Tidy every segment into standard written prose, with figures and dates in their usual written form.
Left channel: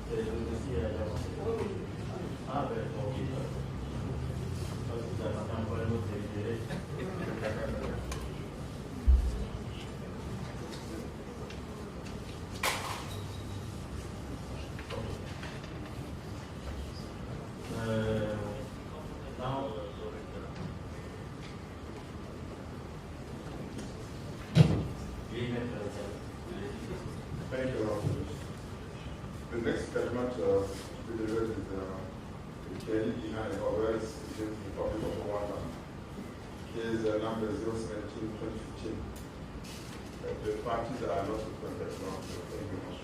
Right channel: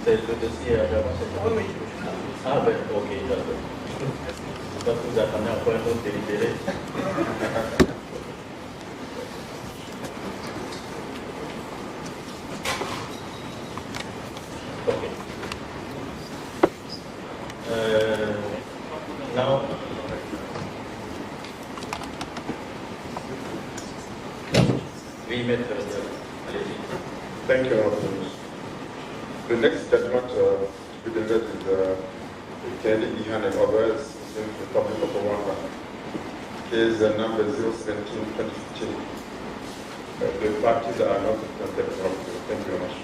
Saya introduksi ada maksudnya. Baik, okey, jatuh. Sebab tu dah tanya apa yang tu diri-diri. Okay. Now, we met earlier. Thank you, the next judgment to be delivered is the Gihana and others in the Republic of Rwanda. Case number 017-2015. The parties are not represented. Thank you very much.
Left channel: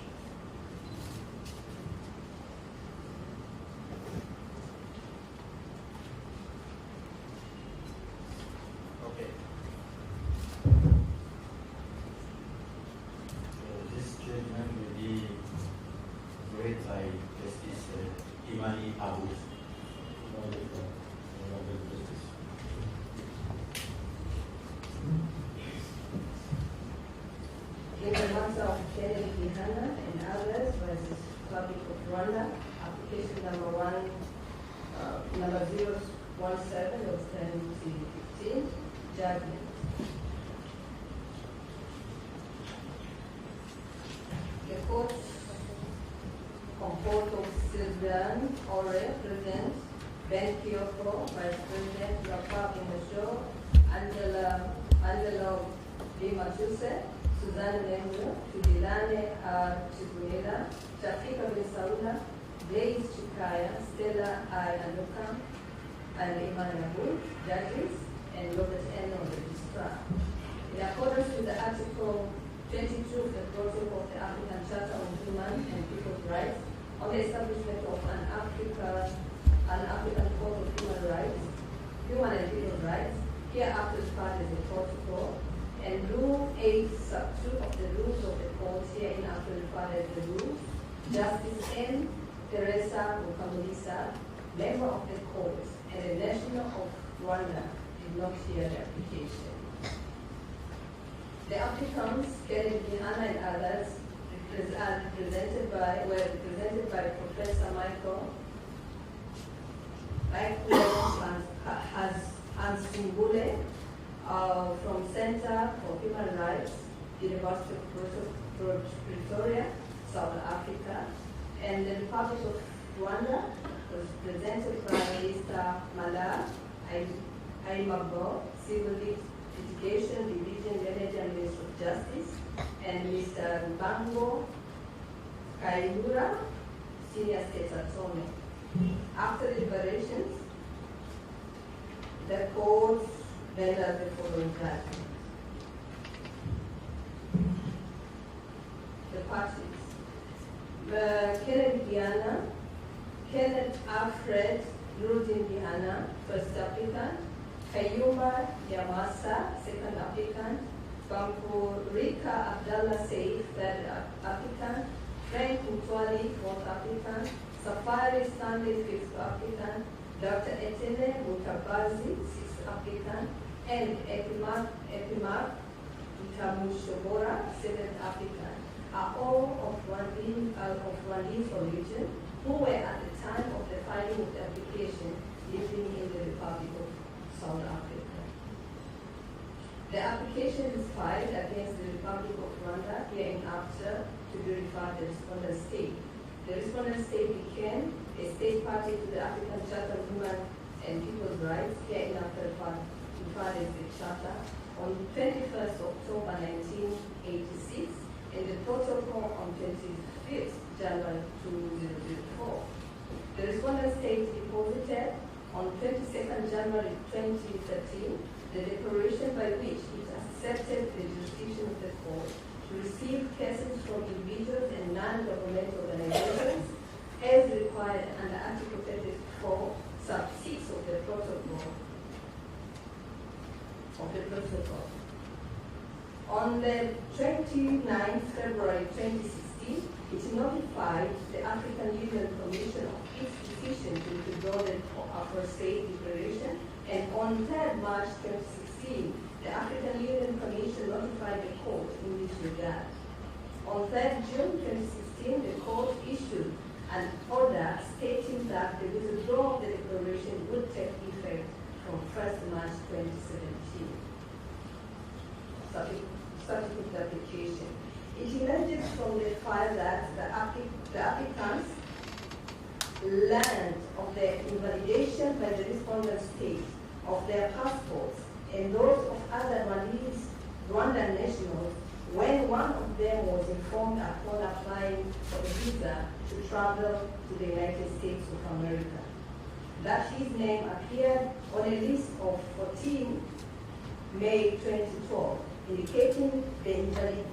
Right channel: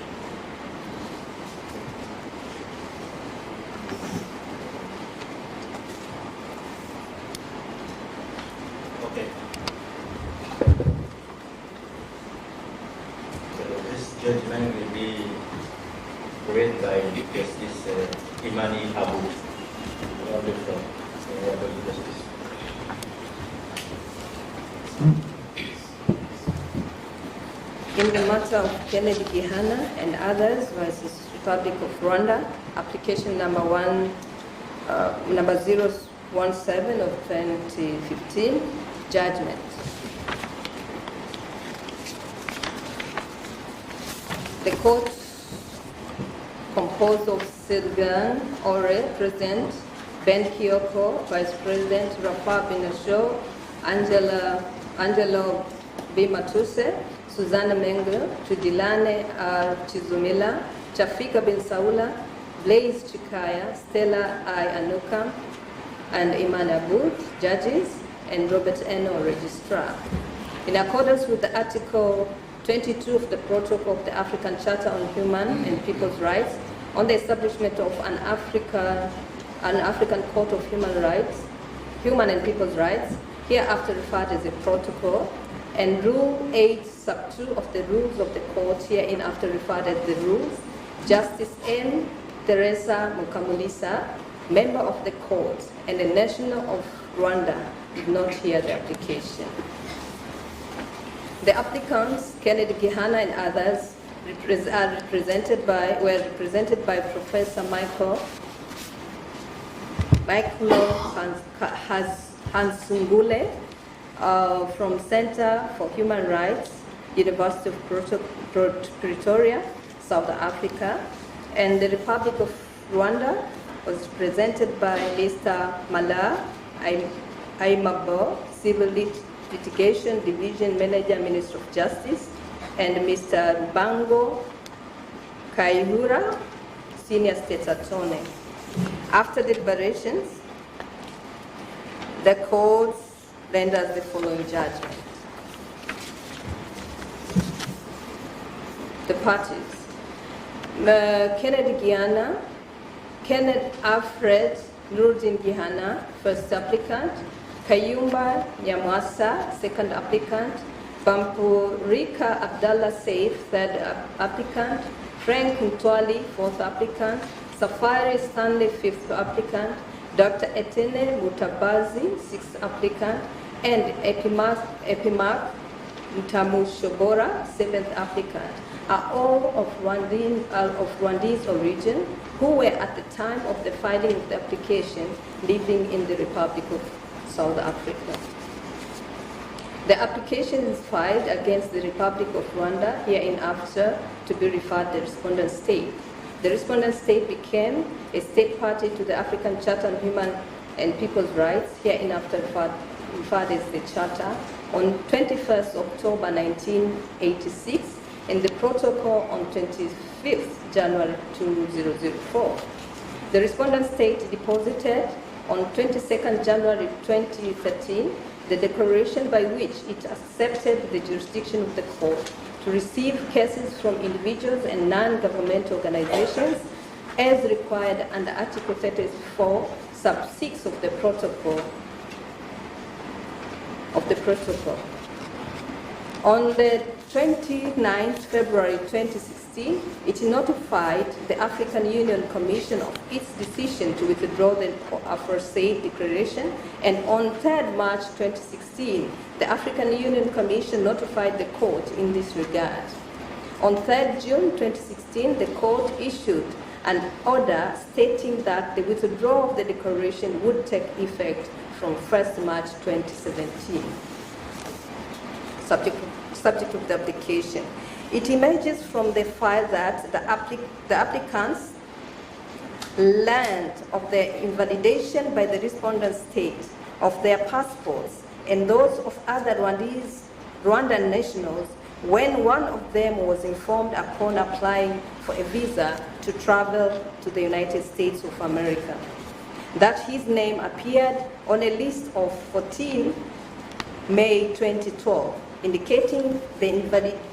Okay. So this judgment will be read by Justice Imani Abu, Rwanda Justice. In the matter of Kennedy Gihana and others versus Republic of Rwanda, application number 017 of 2015, judgment. The court, composed of Sylvain Ore, President, Ben Kioko, Vice President, Rafa Binasho, Angelo B. Matuse, Susanna Mengel, Tujilane R. Chizumila, Chafika Bin Saula, Blaise Chikaya, Stella I. Anuka, and Iman Abud, judges, and Robert Eno, registrar. In accordance with the Article 22 of the Protocol of the African Charter on Human and People's Rights, on the establishment of an African Court of Human and People's Rights, hereafter referred as a protocol, and Rule 8, Sub 2 of the Rules of the Court, hereinafter referred as the Rules, Justice N. Teresa Mukamulisa, member of the court and a national of Rwanda, did not hear the application. The applicants, Kennedy Gihana and others, were represented by Professor Michael Hansungule from Center for Human Rights, University of Pretoria, South Africa, and the Republic of Rwanda was presented by Mr. Mala Aimabo, Civil Litigation Division Manager, Ministry of Justice, and Mr. Bango Kaihura, Senior State Attorney. After deliberations, the court renders the following judgment. The parties. Kenneth Gihana, Kenneth Alfred Nuruddin Gihana, first applicant, Kayumba Nyamwasa, second applicant, Bampurika Abdallah Saif, third applicant, Frank Ntwali, fourth applicant, Safari Stanley, fifth applicant, Dr. Etene Mutabazi, sixth applicant, and Epimark Ntamushobora, seventh applicant, are all of Rwandese origin who were at the time of the filing of the application living in the Republic of South Africa. The application is filed against the Republic of Rwanda hereinafter to be referred to the respondent state. The respondent state became a state party to the African Charter on Human and People's Rights, hereinafter referred as the Charter, on 21st October 1986, and the protocol on 25th January 2004. The respondent state deposited on 22nd January 2013 the declaration by which it accepted the jurisdiction of the court to receive cases from individuals and non-governmental organizations as required under Article 34, sub 6 of the protocol. On the 29th February 2016, it notified the African Union Commission of its decision to withdraw the aforesaid declaration, and on 3rd March 2016, the African Union Commission notified the court in this regard. On 3rd June 2016, the court issued an order stating that the withdrawal of the declaration would take effect from 1st March 2017. Subject of the application. It emerges from the file that the applicants learned of the invalidation by the respondent state of their passports and those of other Rwandan nationals when one of them was informed upon applying for a visa to travel to the United States of America that his name appeared on a list of 14 May 2012, indicating the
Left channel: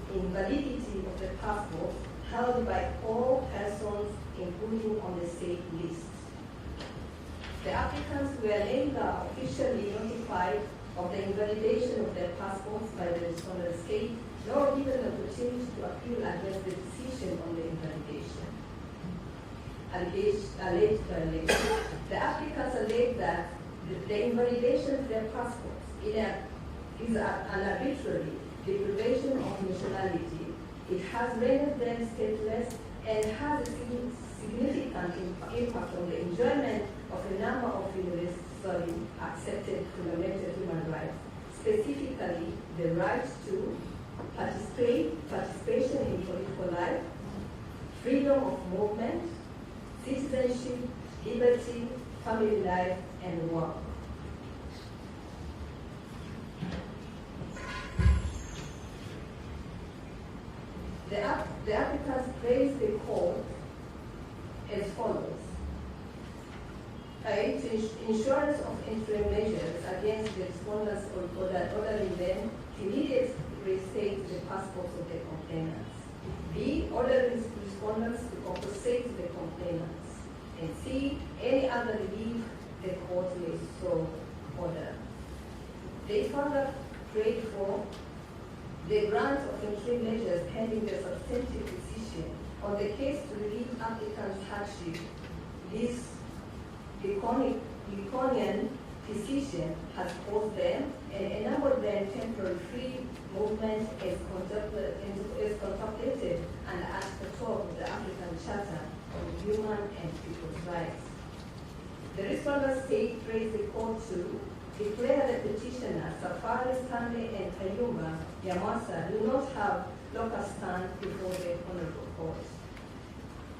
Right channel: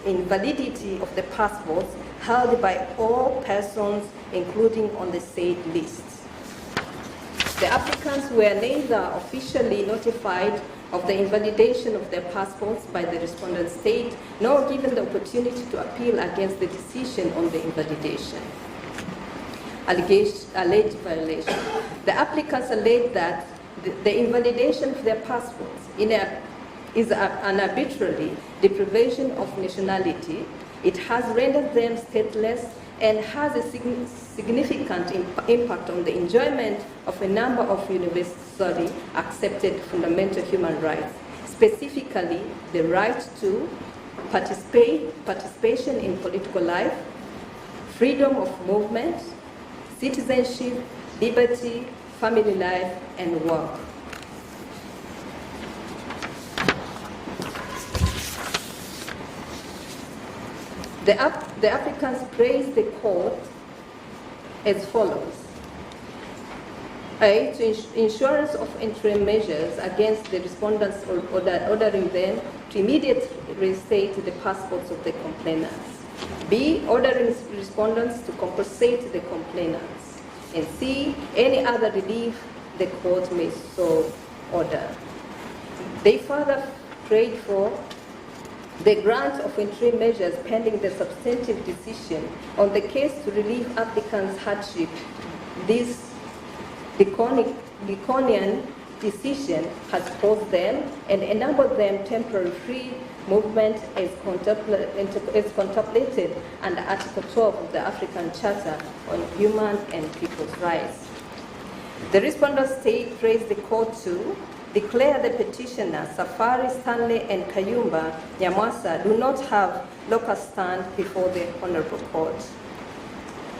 invalidity of the passports held by all persons, including on the said list. The applicants were neither officially notified of the invalidation of their passports by the respondent state, nor given the opportunity to appeal against the decision on the invalidation. Alleged violation. The applicants allege that the invalidation of their passports is an arbitrary deprivation of nationality. It has rendered them stateless and has a significant impact on the enjoyment of a number of universally accepted fundamental human rights, specifically the right to participation in political life, freedom of movement, citizenship, liberty, family life, and work. The applicants praised the court as follows. A, to insurance of interim measures against the respondents ordering them to immediately reinstate the passports of the complainants. B, ordering respondents to compensate the complainants. And C, any other relief the court may so order. They further prayed for the grant of interim measures pending the substantive decision on the case to relieve applicants' hardship. This Draconian decision has posed them and enabled them temporary free movement as contemplated under Article 12 of the African Charter on Human and People's Rights. The respondent state praised the court to declare the petitioners, Safari, Stanley, and Kayumba Nyamwasa, do not have local stand before the Honorable Court.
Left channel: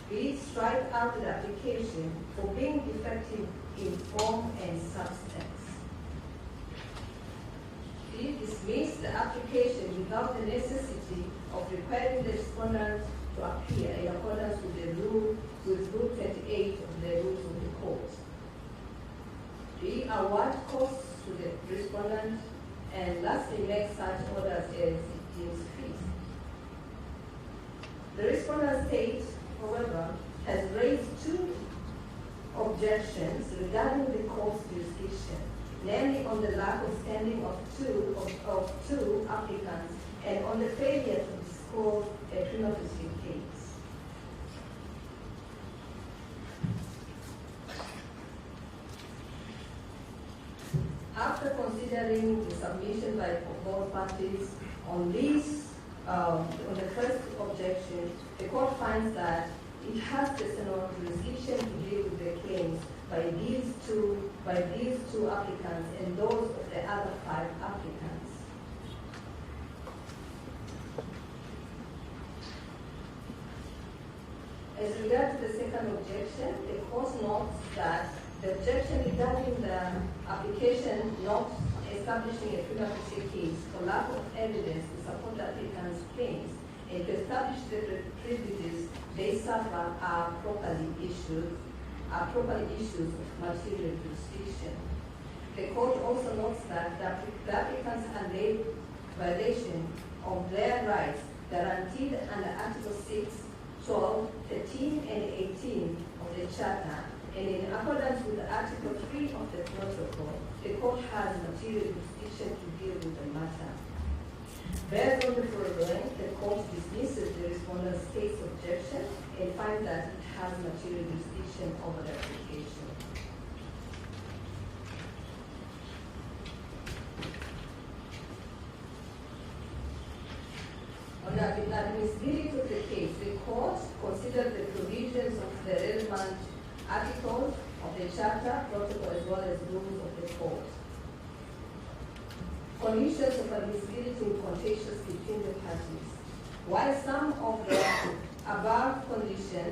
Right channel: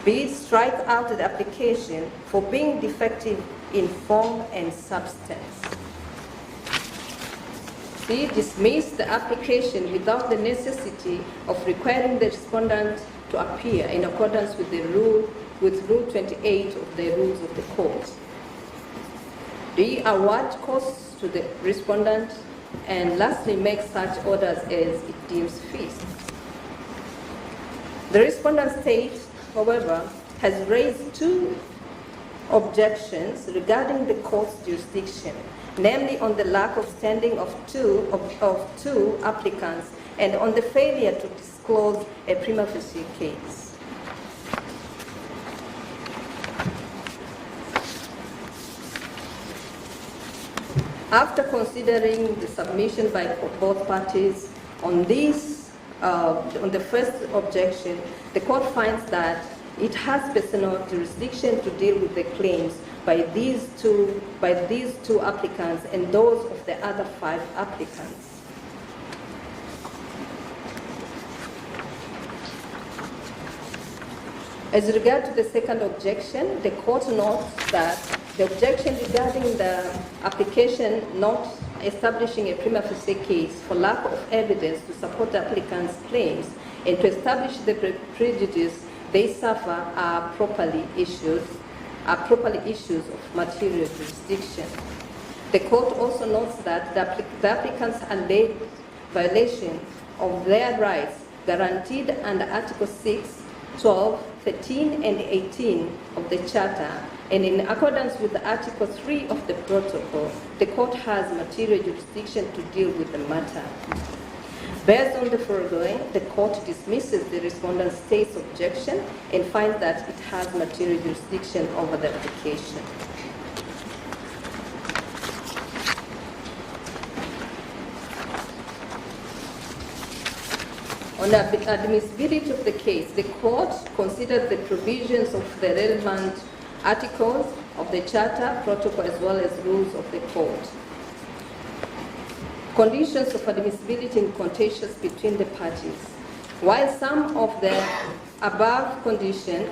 B, strike out the application for being defective in form and substance. C, dismiss the application without the necessity of requiring the respondent to appear in accordance with Rule 28 of the Rules of the Court. D, award costs to the respondent, and lastly, make such orders as it deems fit. The respondent state, however, has raised two objections regarding the court's jurisdiction, namely on the lack of standing of two applicants and on the failure to disclose a prima facie case. After considering the submission by both parties on the first objection, the court finds that it has personal jurisdiction to deal with the claims by these two applicants and those of the other 5 applicants. As regard to the second objection, the court notes that the objection regarding the application not establishing a prima facie case for lack of evidence to support the applicant's claims and to establish the prejudice they suffer are properly issues of material jurisdiction. The court also notes that the applicants alleged violation of their rights guaranteed under Article 6, 12, 13, and 18 of the Charter, and in accordance with Article 3 of the Protocol, the court has material jurisdiction to deal with the matter. Based on the foregoing, the court dismisses the respondent's state's objection and finds that it has material jurisdiction over the application. On the admissibility of the case, the court considered the provisions of the relevant articles of the Charter, Protocol, as well as rules of the court. Conditions of admissibility in contentious between the parties. While some of the conditions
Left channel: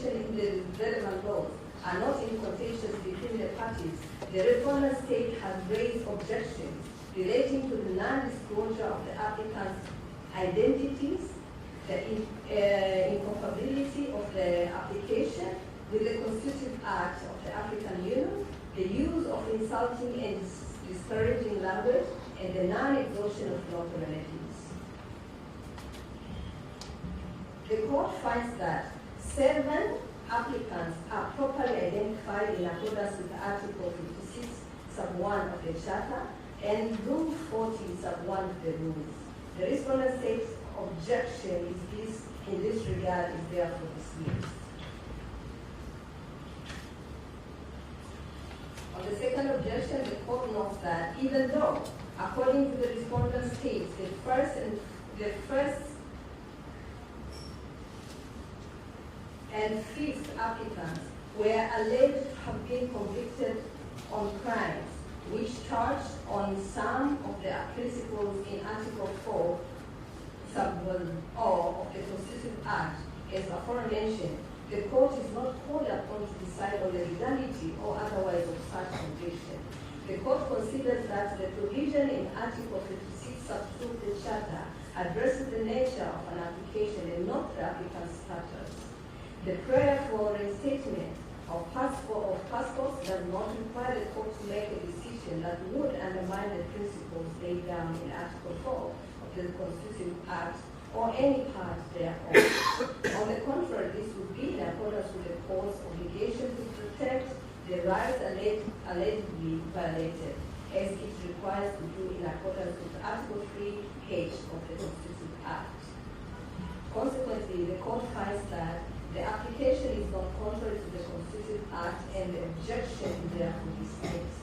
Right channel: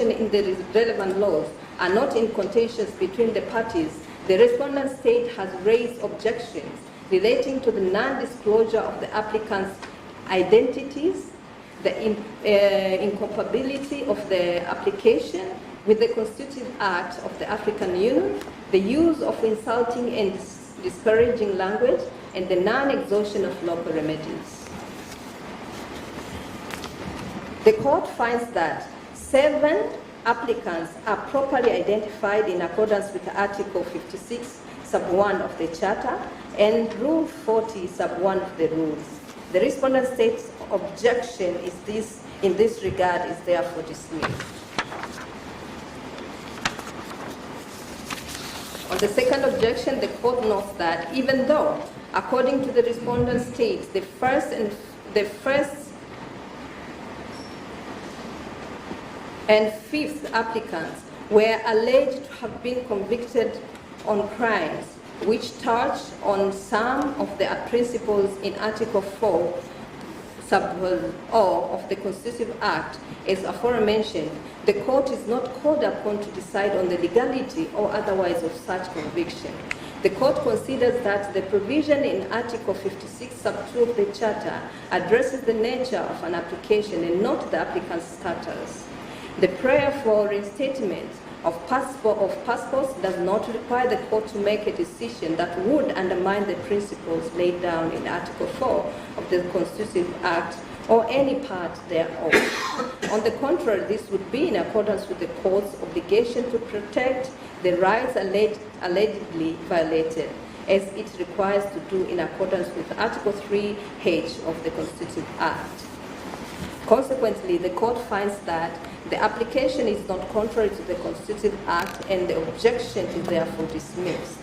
in the relevant laws are not in contentions between the parties, the respondent state has raised objections relating to the non-disclosure of the applicant's identities, the incompatibility of the application with the Constitutive Act of the African Union, the use of insulting and discouraging language, and the non-exhaustion of local remedies. The court finds that 7 applicants are properly identified in accordance with Article 56, sub 1 of the Charter, and Rule 40, sub 1 of the rules. The respondent state's objection in this regard is therefore dismissed. On the second objection, the court notes that even though, according to the respondent states, the first and fifth applicants were alleged to have been convicted on crimes which touch on some of the principles in Article 4, sub O of the Constitutive Act, as aforementioned, the court is not called upon to decide on the legality or otherwise of such conviction. The court considers that the provision in Article 56, sub 2 of the Charter addresses the nature of an application and not the applicant's status. The prayer for reinstatement of passports does not require the court to make a decision that would undermine the principles laid down in Article 4 of the Constitutive Act or any part thereof. On the contrary, this would be in accordance with the court's obligation to protect the rights allegedly violated, as it requires to do in accordance with Article 3H of the Constitutive Act. Consequently, the court finds that the application is not contrary to the Constitutive Act and the objection is therefore dismissed.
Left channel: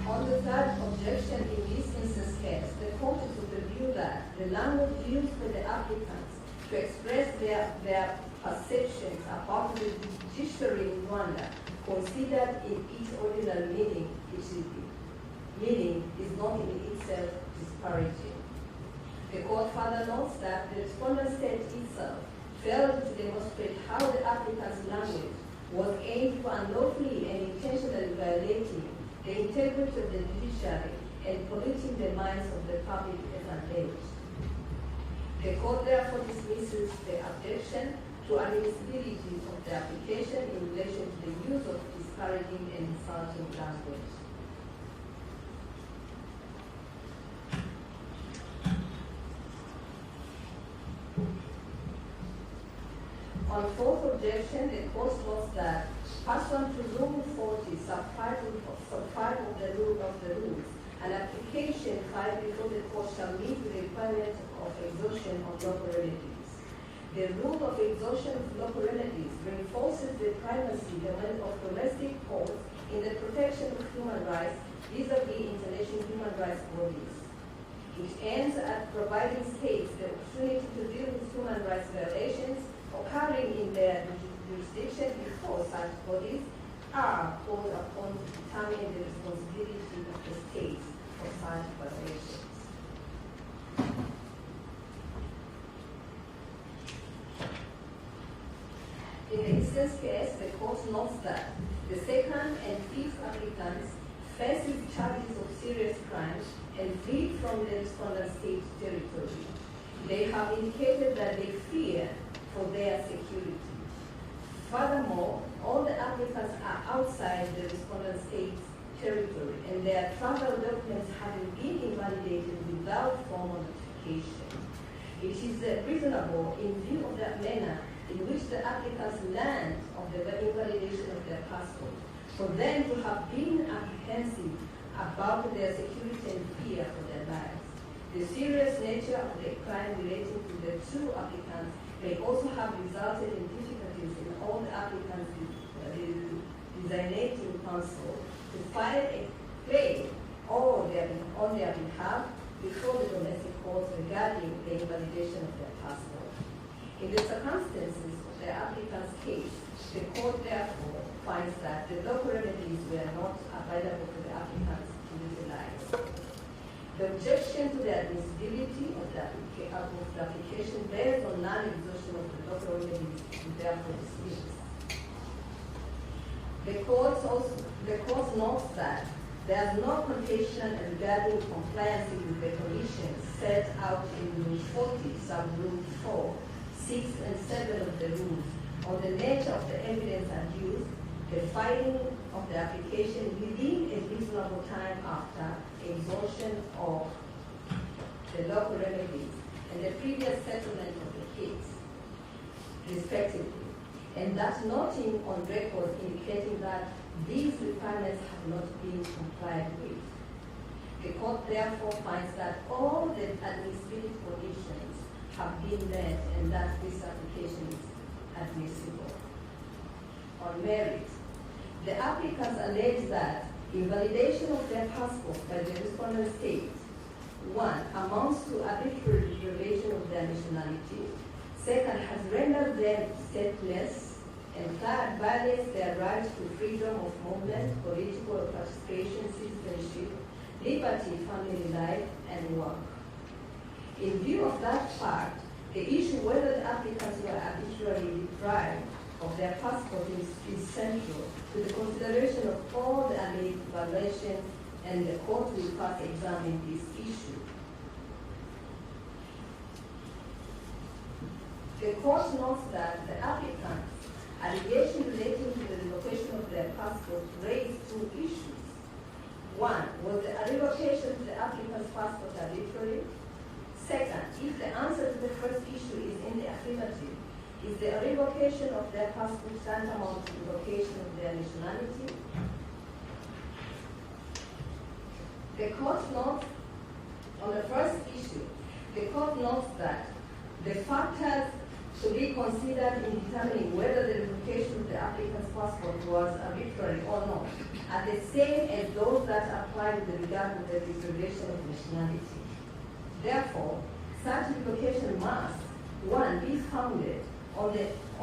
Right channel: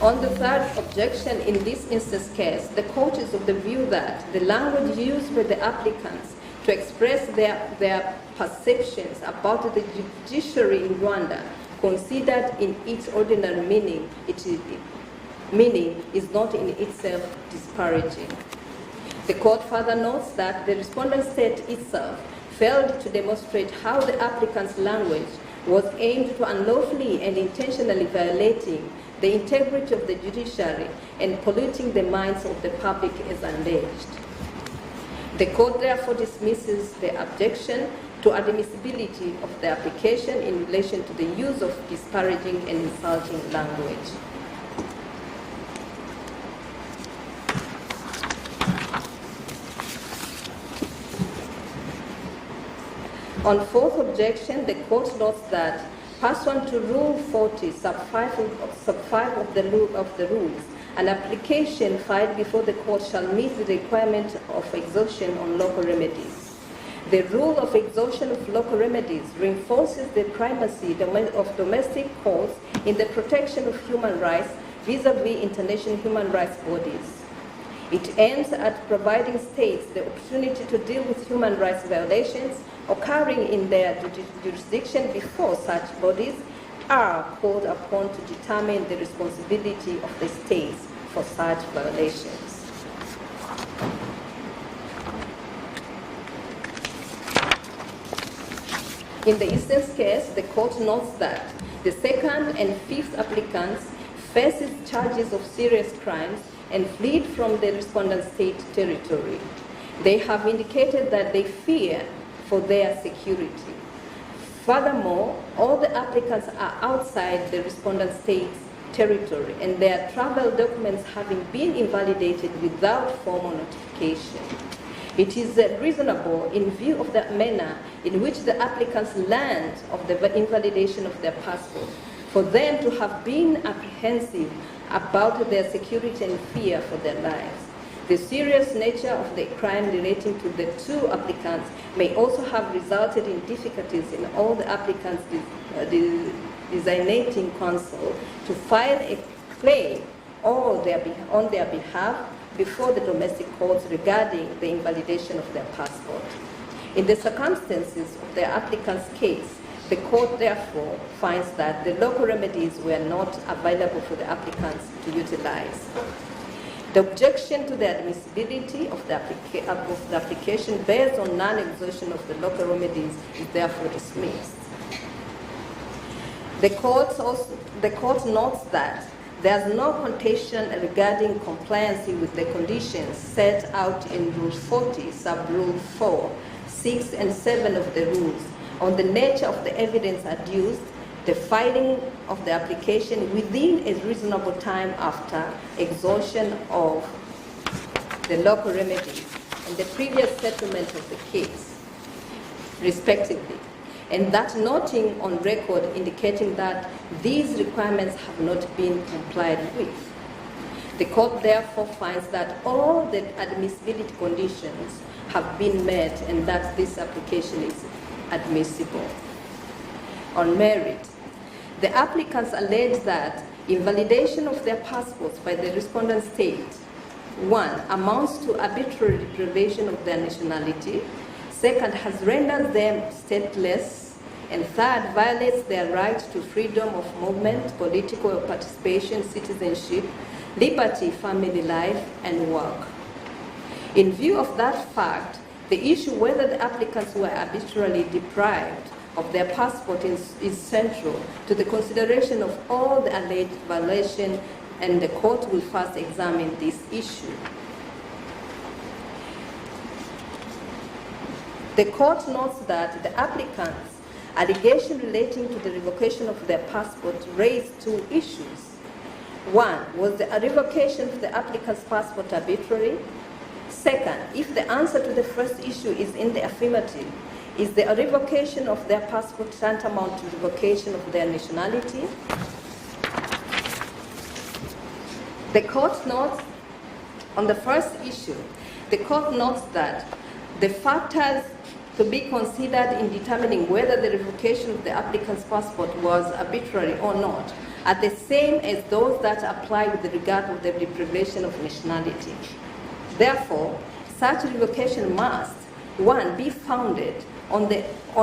On the third objection in this instance case, the court is of the view that the language used by the applicants to express their perceptions about the judiciary in Rwanda, considered in its ordinary meaning, is not in itself disparaging. The court further notes that the respondent state itself failed to demonstrate how the applicant's language was aimed to unlawfully and intentionally violating the integrity of the judiciary and polluting the minds of the public as alleged. The court therefore dismisses the objection to admissibility of the application in relation to the use of disparaging and insulting language. On fourth objection, the court notes that pursuant to Rule 40, sub 5 of the rules, an application filed before the court shall meet the requirement of exhaustion on local remedies. The rule of exhaustion of local remedies reinforces the primacy of domestic courts in the protection of human rights vis-à-vis international human rights bodies. It aims at providing states the opportunity to deal with human rights violations occurring in their jurisdiction before such bodies are called upon to determine the responsibility of the states for such violations. In the instance case, the court notes that the second and fifth applicants faces charges of serious crimes and fled from the respondent state territory. They have indicated that they fear for their security. Furthermore, all the applicants are outside the respondent state's territory and their travel documents having been invalidated without formal notification. It is reasonable, in view of the manner in which the applicants learned of the invalidation of their passport, for them to have been apprehensive about their security and fear for their lives. The serious nature of the crime relating to the two applicants may also have resulted in difficulties in all the applicants designating counsel to file a claim on their behalf before the domestic courts regarding the invalidation of their passport. In the circumstances of the applicant's case, the court therefore finds that the local remedies were not available for the applicants to utilize. The objection to the admissibility of the application based on non-exhaustion of the local remedies is therefore dismissed. The court notes that there is no contention regarding compliance with the conditions set out in Rule 40, Sub-Rule 4, 6, and 7 of the rules on the nature of the evidence adduced, the filing of the application within a reasonable time after exhaustion of the local remedies and the previous settlement of the case, respectively, and that noting on record indicating that these requirements have not been complied with. The court therefore finds that all the admissibility conditions have been met and that this application is admissible. On merit, the applicants allege that invalidation of their passports by the respondent state, 1, amounts to arbitrary deprivation of their nationality, 2nd, has rendered them stateless, and 3rd, violates their right to freedom of movement, political participation, citizenship, liberty, family life, and work. In view of that fact, the issue whether the applicants were arbitrarily deprived of their passport is central to the consideration of all the alleged violations, and the court will first examine this issue. The court notes that the applicants' allegation relating to the revocation of their passport raised 2 issues. 1, was the revocation of the applicant's passport arbitrary? 2nd, if the answer to the first issue is in the affirmative, is the revocation of their passport tantamount to revocation of their nationality? The court notes, on the first issue, the court notes that the factors to be considered in determining whether the revocation of the applicant's passport was arbitrary or not are the same as those that apply with regard to the deprivation of nationality. Therefore, such revocation must, 1, be founded on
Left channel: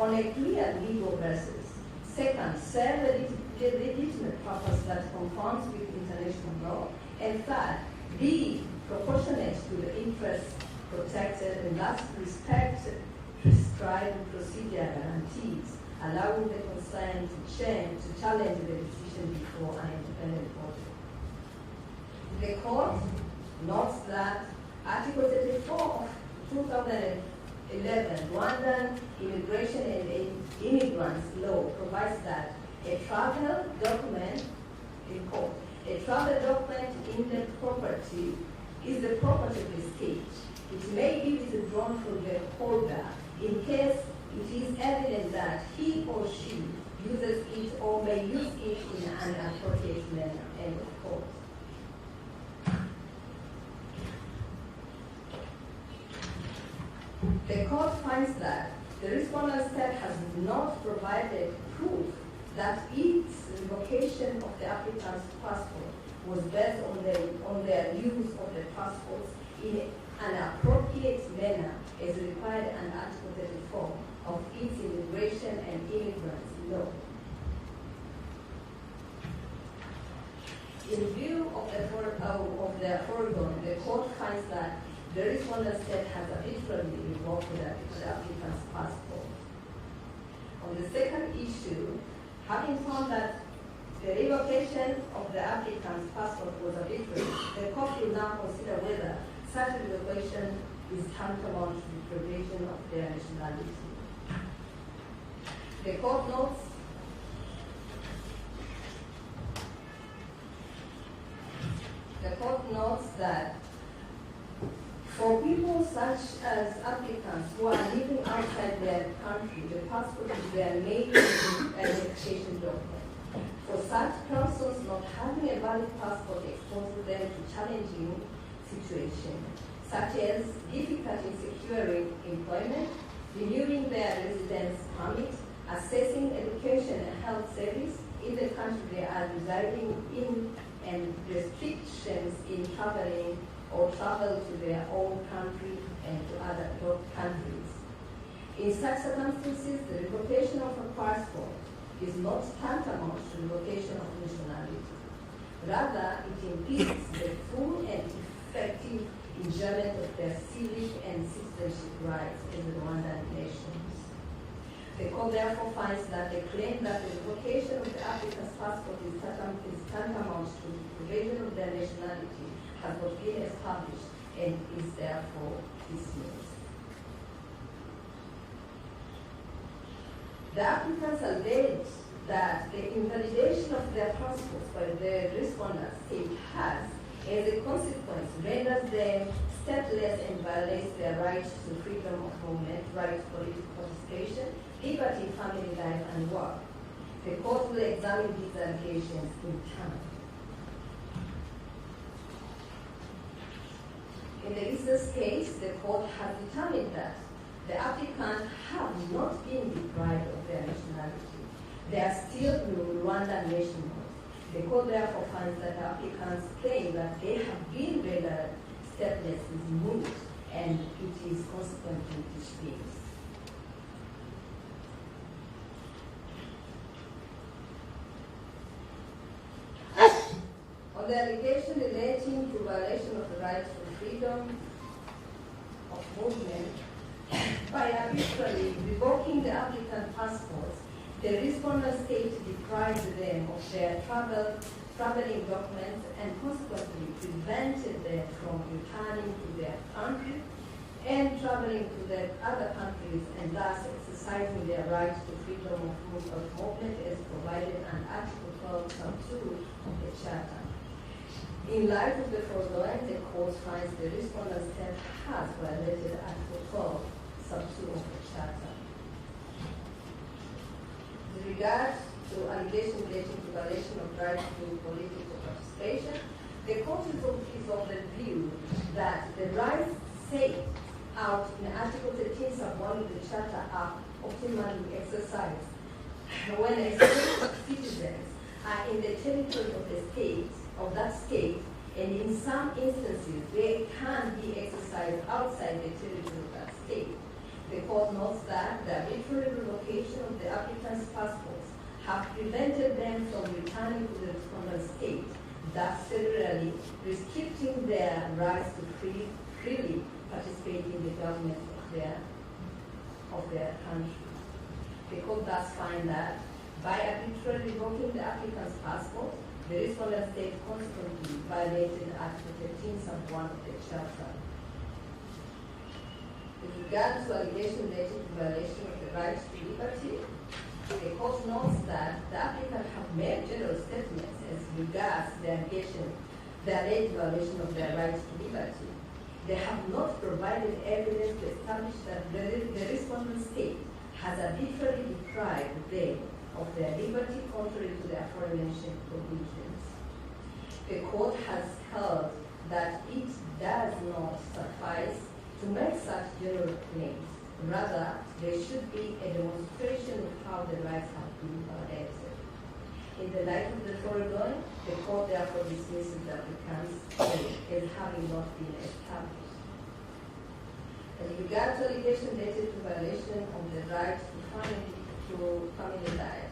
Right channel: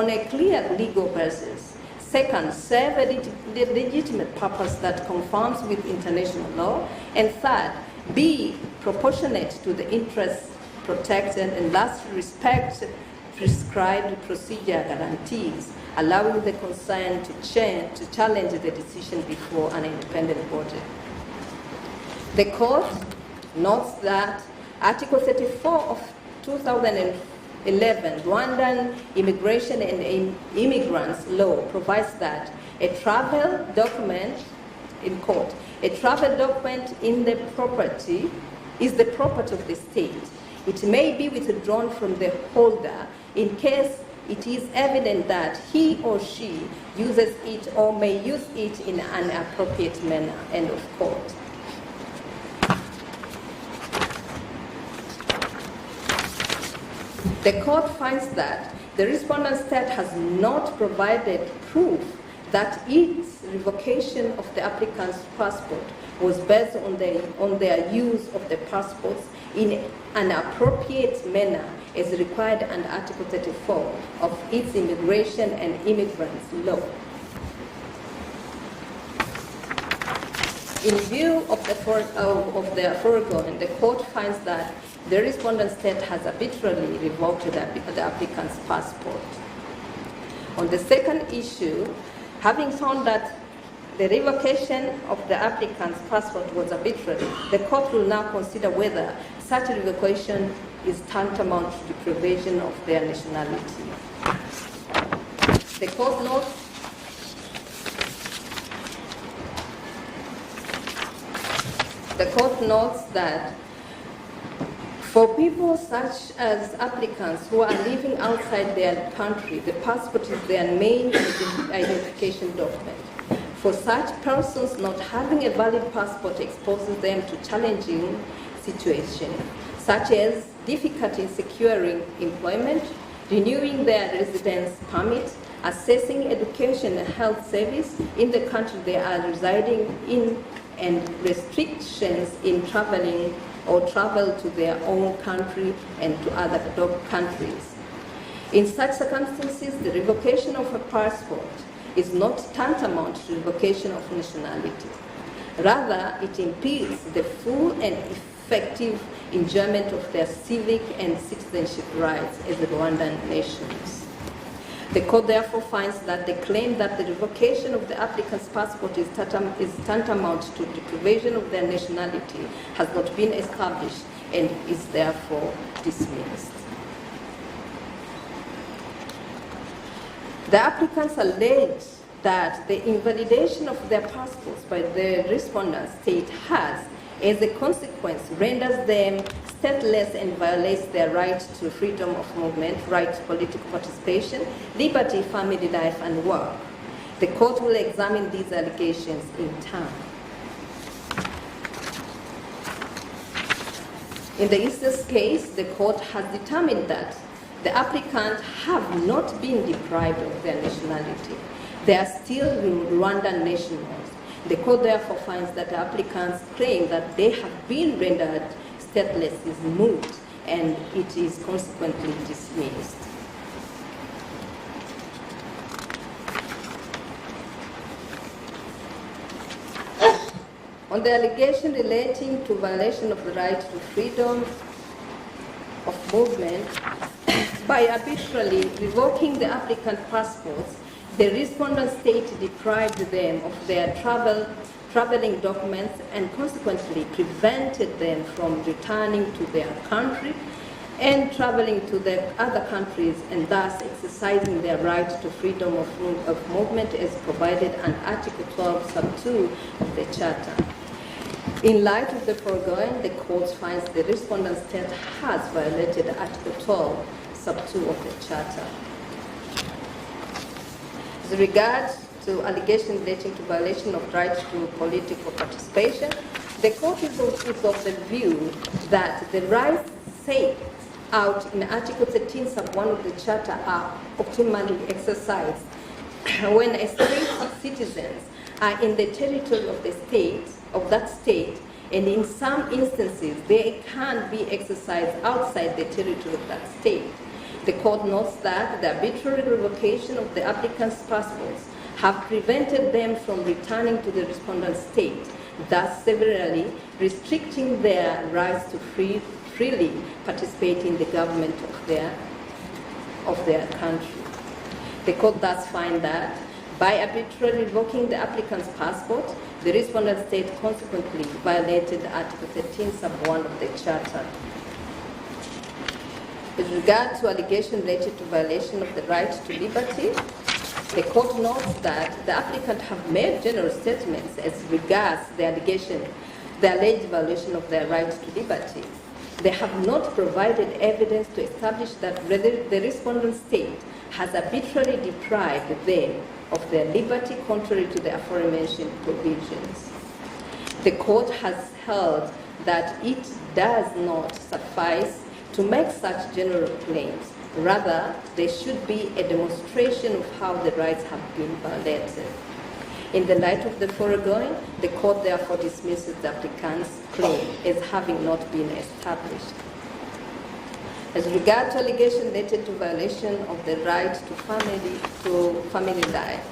a clear legal basis, 2nd, serve a legitimate purpose that conforms with international law, and 3rd, be proportionate to the interests protected, and thus respect prescribed procedure guarantees, allowing the concerned to challenge the decision before an independent body. The court notes that Article 34 of 2011 Rwandan Immigration and Immigrants Law provides that a travel document, in court, a travel document is the property of the state. It may be withdrawn from the holder in case it is evident that he or she uses it or may use it in an appropriate manner. End of quote. The court finds that the respondent state has not provided proof that its revocation of the applicant's passport was based on their use of the passports in an appropriate manner as required under Article 34 of its Immigration and Immigrants Law. In view of the foregoing, the court finds that the respondent state has arbitrarily revoked the applicant's passport. On the second issue, having found that the revocation of the applicant's passport was arbitrary, the court will now consider whether such revocation is tantamount to deprivation of their nationality. The court notes that for people such as applicants who are living outside their country, the passport is their main identification document. For such persons, not having a valid passport exposes them to challenging situations, such as difficulty securing employment, renewing their residence permit, accessing education and health service in the country they are residing in, and restrictions in traveling or travel to their own country and to other countries. In such circumstances, the revocation of a passport is not tantamount to revocation of nationality. Rather, it impedes the full and effective enjoyment of their civic and citizenship rights as the Rwandan nations. The court therefore finds that the claim that the revocation of the applicant's passport is tantamount to deprivation of their nationality has not been established and is therefore dismissed. The applicants allege that the invalidation of their passports by the respondent state has, as a consequence, renders them stateless and violates their right to freedom of movement, right to political participation, liberty, family life, and work. The court will examine these allegations in turn. In the instance case, the court has determined that the applicants have not been deprived of their nationality. They are still Rwandan nationals. The court therefore finds that the applicants' claim that they have been rendered stateless is moot, and it is consequently dismissed. On the allegation relating to violation of the right to freedom of movement, by arbitrarily revoking the applicant passports, the respondent state deprived them of their traveling documents and consequently prevented them from returning to their country and traveling to the other countries, and thus exercising their right to freedom of movement as provided under Article 12, sub 2 of the Charter. In light of the foregoing, the court finds the respondent state has violated Article 12, sub 2 of the Charter. With regard to allegations relating to violation of rights to political participation, the court is of the view that the rights set out in Article 13, sub 1 of the Charter are optimally exercised when a state's citizens are in the territory of the state, of that state, and in some instances they can be exercised outside the territory of that state. The court notes that the arbitrary revocation of the applicant's passports have prevented them from returning to the respondent state, thus severely restricting their rights to freely participate in the government of their country. The court thus finds that by arbitrarily revoking the applicant's passport, the respondent state consequently violated Article 13, sub 1 of the Charter. With regard to allegation related to violation of the right to liberty, the court notes that the applicant have made general statements as regards the alleged violation of their right to liberty. They have not provided evidence to establish that the respondent state has arbitrarily deprived them of their liberty contrary to the aforementioned provisions. The court has held that it does not suffice to make such general claims. Rather, there should be a demonstration of how the rights have been violated. In the light of the foregoing, the court therefore dismisses the applicant's claim as having not been established. As regards to allegation related to violation of the right to family life,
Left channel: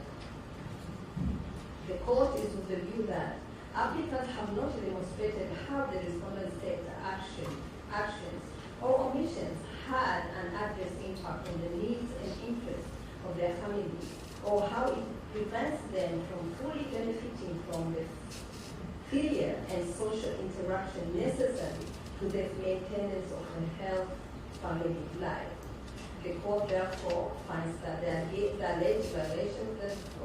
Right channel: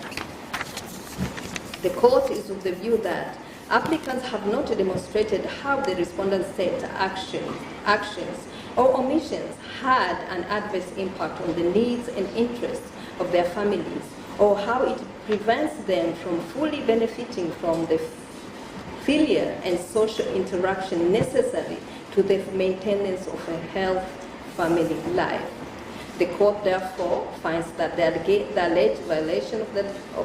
the court is of the view that applicants have not demonstrated how the respondent state actions or omissions had an adverse impact on the needs and interests of their families, or how it prevents them from fully benefiting from the filial and social interaction necessary to the maintenance of a healthy family life. The court therefore finds that the alleged violation of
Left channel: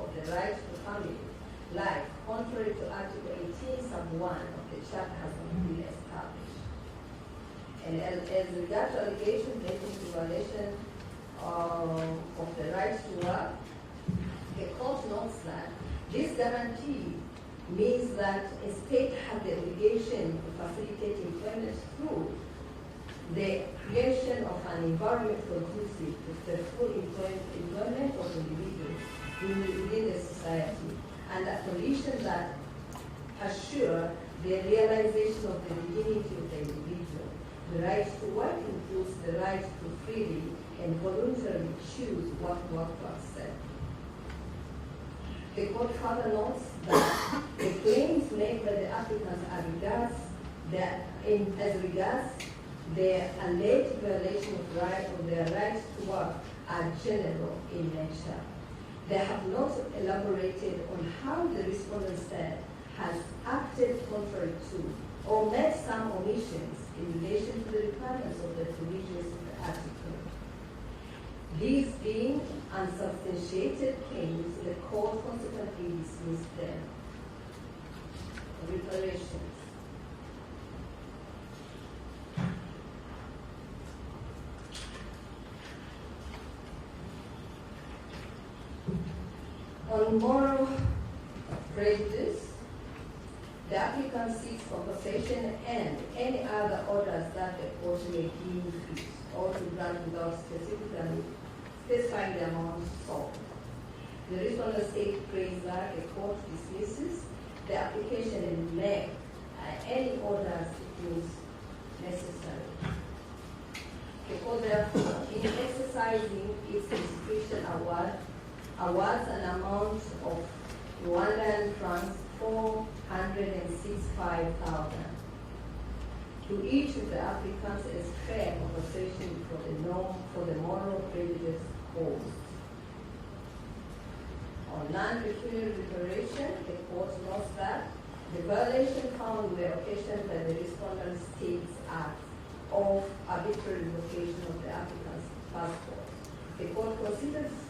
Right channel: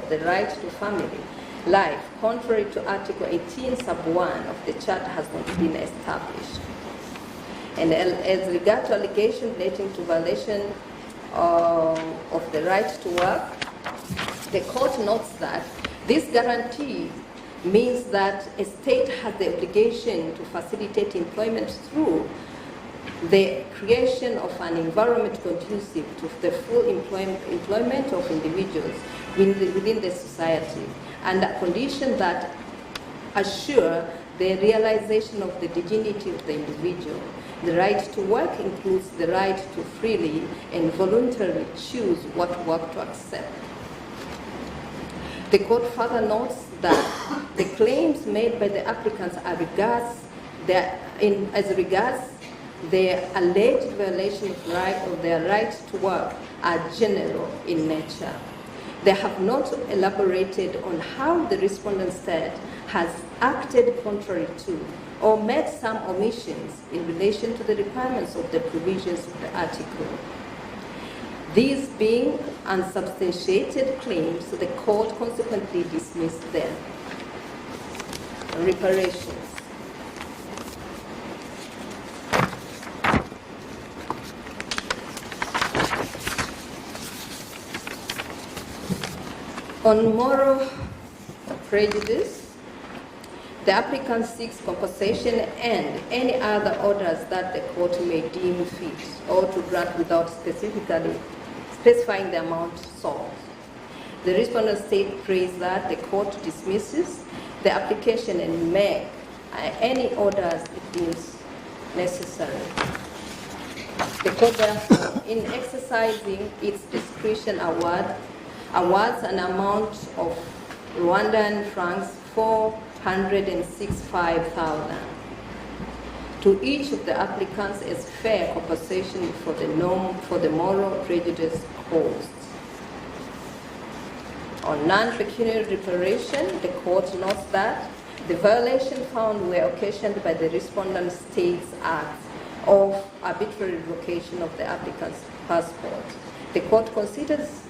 the right to family life, contrary to Article 18, sub 1 of the Charter, has not been established. And as regards to allegation relating to violation of the right to work, the court notes that this guarantee means that a state has the obligation to facilitate employment through the creation of an environment conducive to the full employment of individuals within the society, and a condition that assure the realization of the dignity of the individual. The right to work includes the right to freely and voluntarily choose what work to accept. The court further notes that the claims made by the applicants as regards the alleged violation of their right to work are general in nature. They have not elaborated on how the respondent state has acted contrary to or made some omissions in relation to the requirements of the provisions of the article. These being unsubstantiated claims, the court consequently dismissed them. Reparations. On moral prejudice, the applicant seeks compensation and any other orders that the court may deem fit or to grant without specifying the amount sought. The respondent state prays that the court dismisses the application and make any orders it deems necessary. The court therefore, in exercising its discretion, awards an amount of Rwandan francs 465,000 to each of the applicants as fair compensation for the moral prejudice caused. On non-pecuniary reparation, the court notes that the violation found were occasioned by the respondent state's act of arbitrary revocation of the applicant's passport. The court considers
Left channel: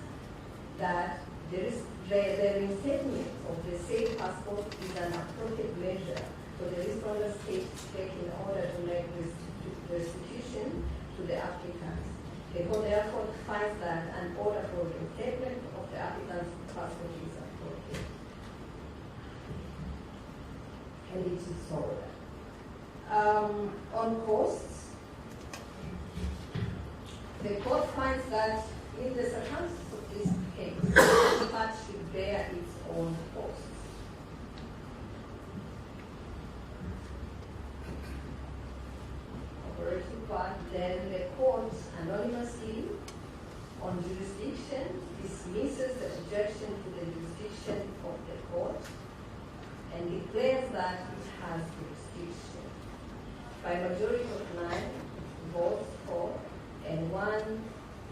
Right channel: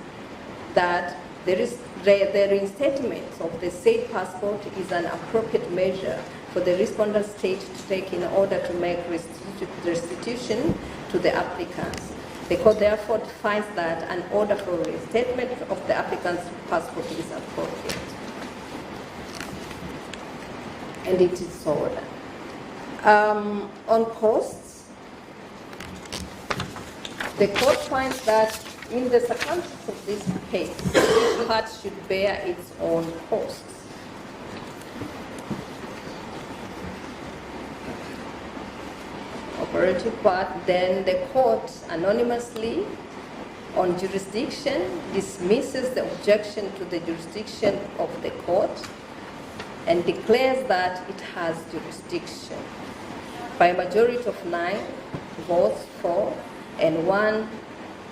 that the reinstatement of the said passport is an appropriate measure for the respondent state to take in order to make restitution to the applicants. The court therefore finds that an order for reinstatement of the applicant's passport is appropriate. And it is so ordered. On costs, the court finds that in the circumstances of this case, each part should bear its own costs. Operative part, then the court anonymously on jurisdiction dismisses the objection to the jurisdiction of the court and declares that it has jurisdiction. by a majority of 9 votes for and 1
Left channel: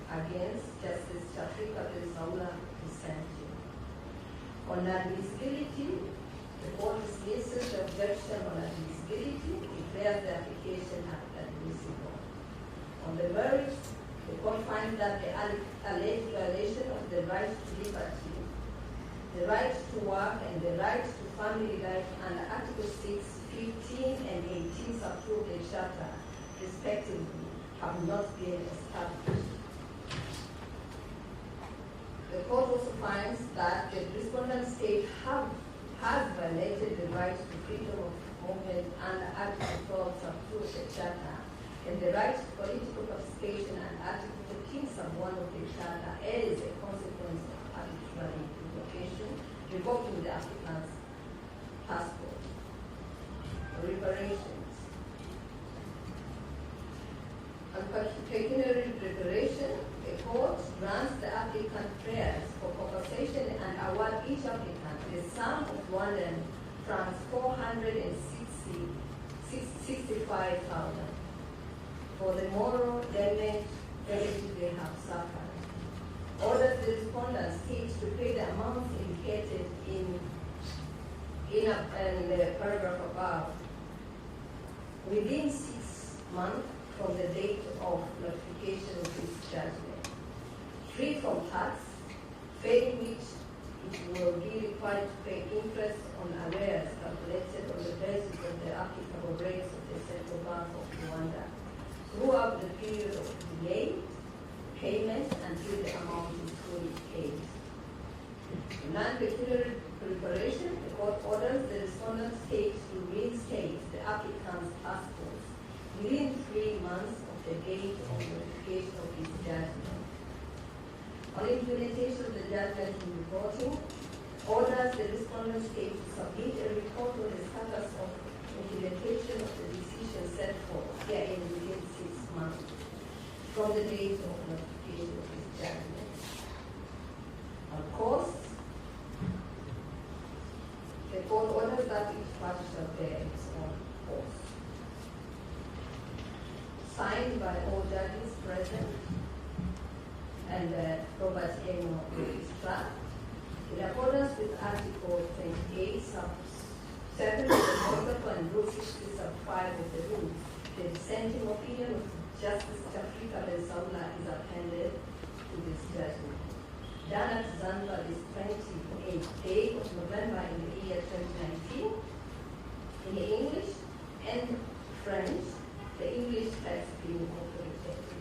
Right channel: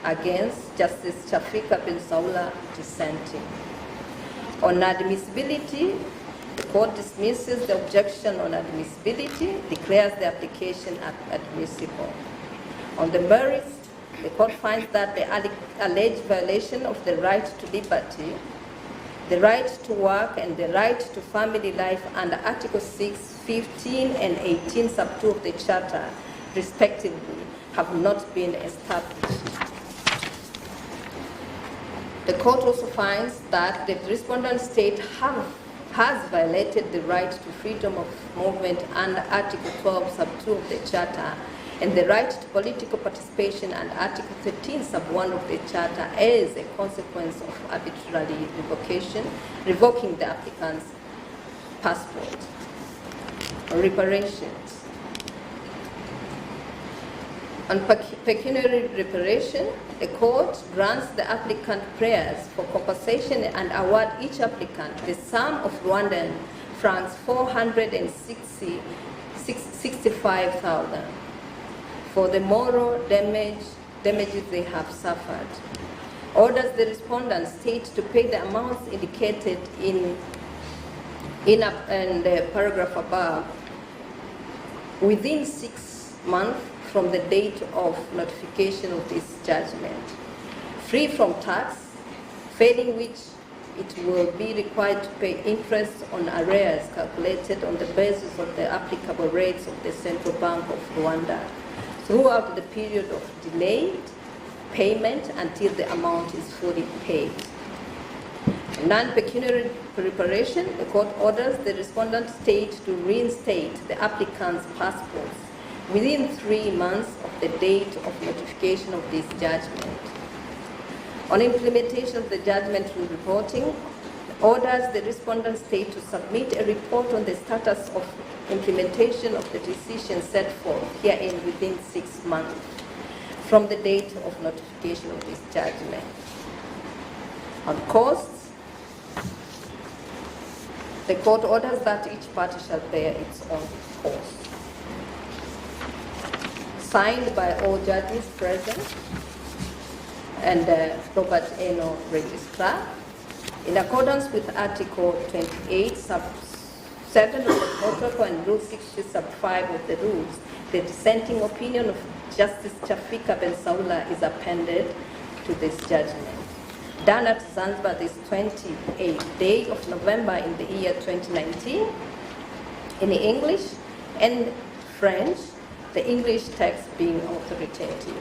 against, Justice Chafika Bilsaula dissenting. On admissibility, the court dismisses the objection on admissibility, declares the application admissible. On the merits, the court finds that the alleged violation of the right to liberty, the right to work, and the right to family life under Article 6, 15, and 18, sub 2 of the Charter, respectively, have not been established. The court also finds that the respondent state has violated the right to freedom of movement under Article 12, sub 2 of the Charter, and the right to political participation under Article 13, sub 1 of the Charter as a consequence of arbitrary revoking the applicant's passport. Reparations. On pecuniary reparation, the court grants the applicant prayers for compensation and award each applicant the sum of Rwandan francs 465,000 for the moral damages they have suffered. Orders the respondent state to pay the amounts indicated in the paragraph above within 6 months from the date of notification of this judgment, free from tax, failing which it will be required to pay interest on arrears calculated on the basis of the applicable rates of the Central Bank of Rwanda throughout the period of delayed payment until the amount is fully paid. Non-pecuniary reparation, the court orders the respondent state to reinstate the applicant's passports within 3 months of the date of notification of this judgment. On implementation of the judgment and reporting, orders the respondent state to submit a report on the status of implementation of the decision set forth herein within 6 months from the date of notification of this judgment. On costs, the court orders that each party shall bear its own costs. Signed by all judges present and Robert Eno, Registrar, in accordance with Article 28, sub 7 of the protocol and Rule 60, sub 5 of the rules, the dissenting opinion of Justice Chafika Bilsaula is appended to this judgment. Done at Zanzibar this 28th day of November in the year 2019, in English and French, the English text being authoritative.